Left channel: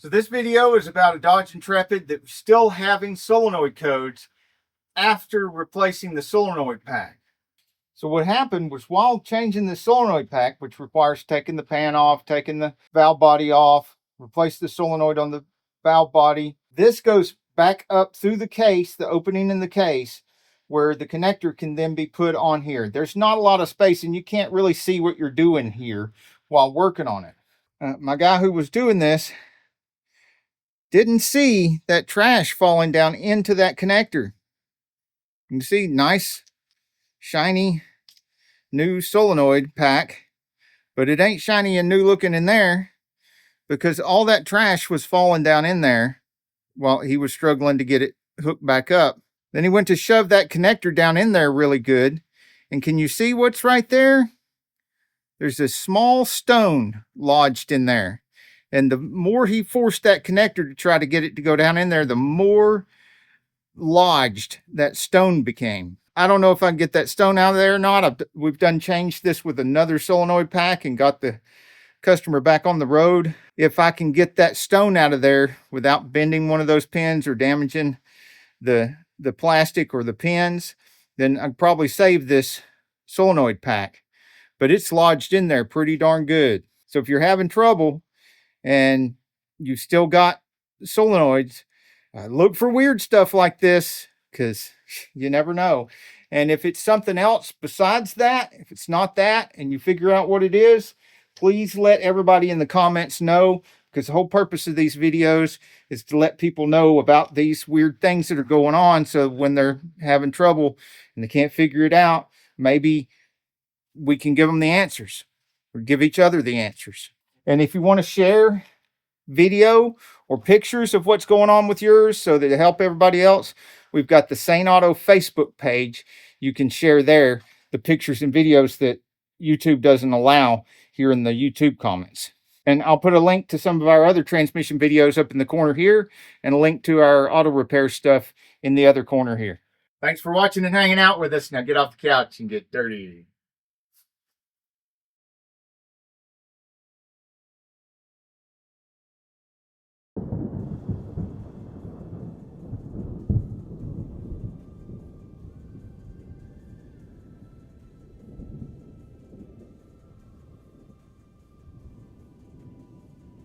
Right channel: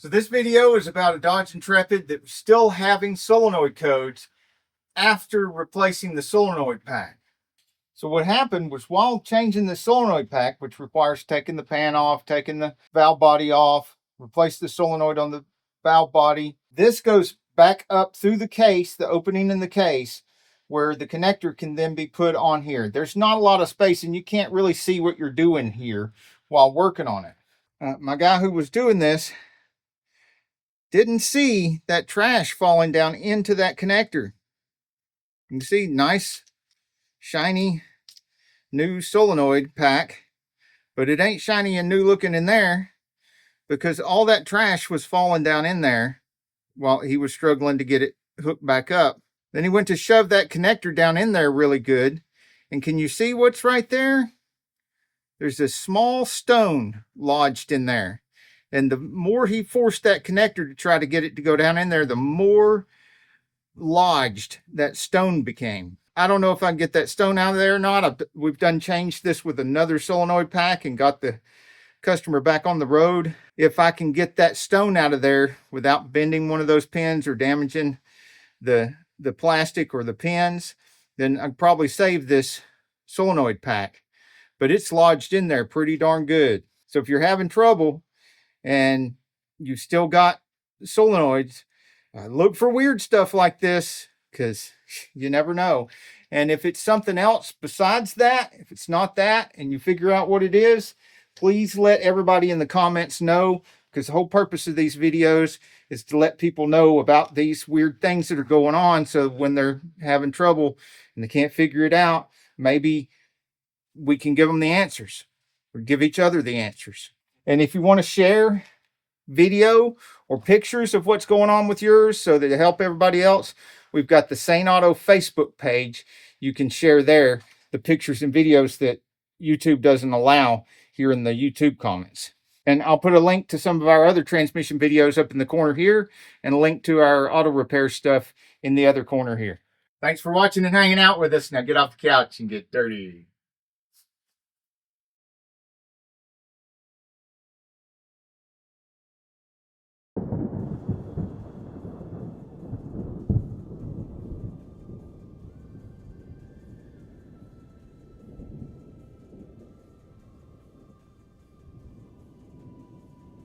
So this video is about a Dodge Intrepid that was still having solenoid codes after replacing the solenoid pack. So what happened was, while changing the solenoid pack, which requires taking the pan off, taking the valve body off, replace the solenoid on the valve body, this goes back up through the case, the opening in the case, where the connector can then be put on here. There's not a lot of space and you can't really see what you're doing here while working on it. My guy who was doing this didn't see that trash falling down into that connector. You can see nice, shiny, new solenoid pack, but it ain't shiny and new looking in there because all that trash was falling down in there while he was struggling to get it hooked back up. Then he went to shove that connector down in there really good. And can you see what's right there? There's a small stone lodged in there. And the more he forced that connector to try to get it to go down in there, the more lodged that stone became. I don't know if I can get that stone out of there or not. We've done changed this with another solenoid pack and got the customer back on the road. If I can get that stone out of there without bending one of those pins or damaging the plastic or the pins, then I'd probably save this solenoid pack. But it's lodged in there pretty darn good. So if you're having trouble and you still got solenoids, look for weird stuff like this, because you never know. And if it's something else besides that, if it's not that and you figure out what it is, please let everybody in the comments know, because the whole purpose of these videos is to let people know about these weird things that are going on, so when they're having trouble and they can't figure it out, maybe we can give them the answers or give each other the answers. And if you want to share video or pictures of what's going on with yours so that it help everybody else, we've got the Saneauto Facebook page. You can share there the pictures and videos that YouTube doesn't allow here in the YouTube comments. And I'll put a link to some of our other transmission videos up in the corner here, and a link to our auto repair stuff in the other corner here. Thanks for watching and hanging out with us. Now get off the couch and get dirty.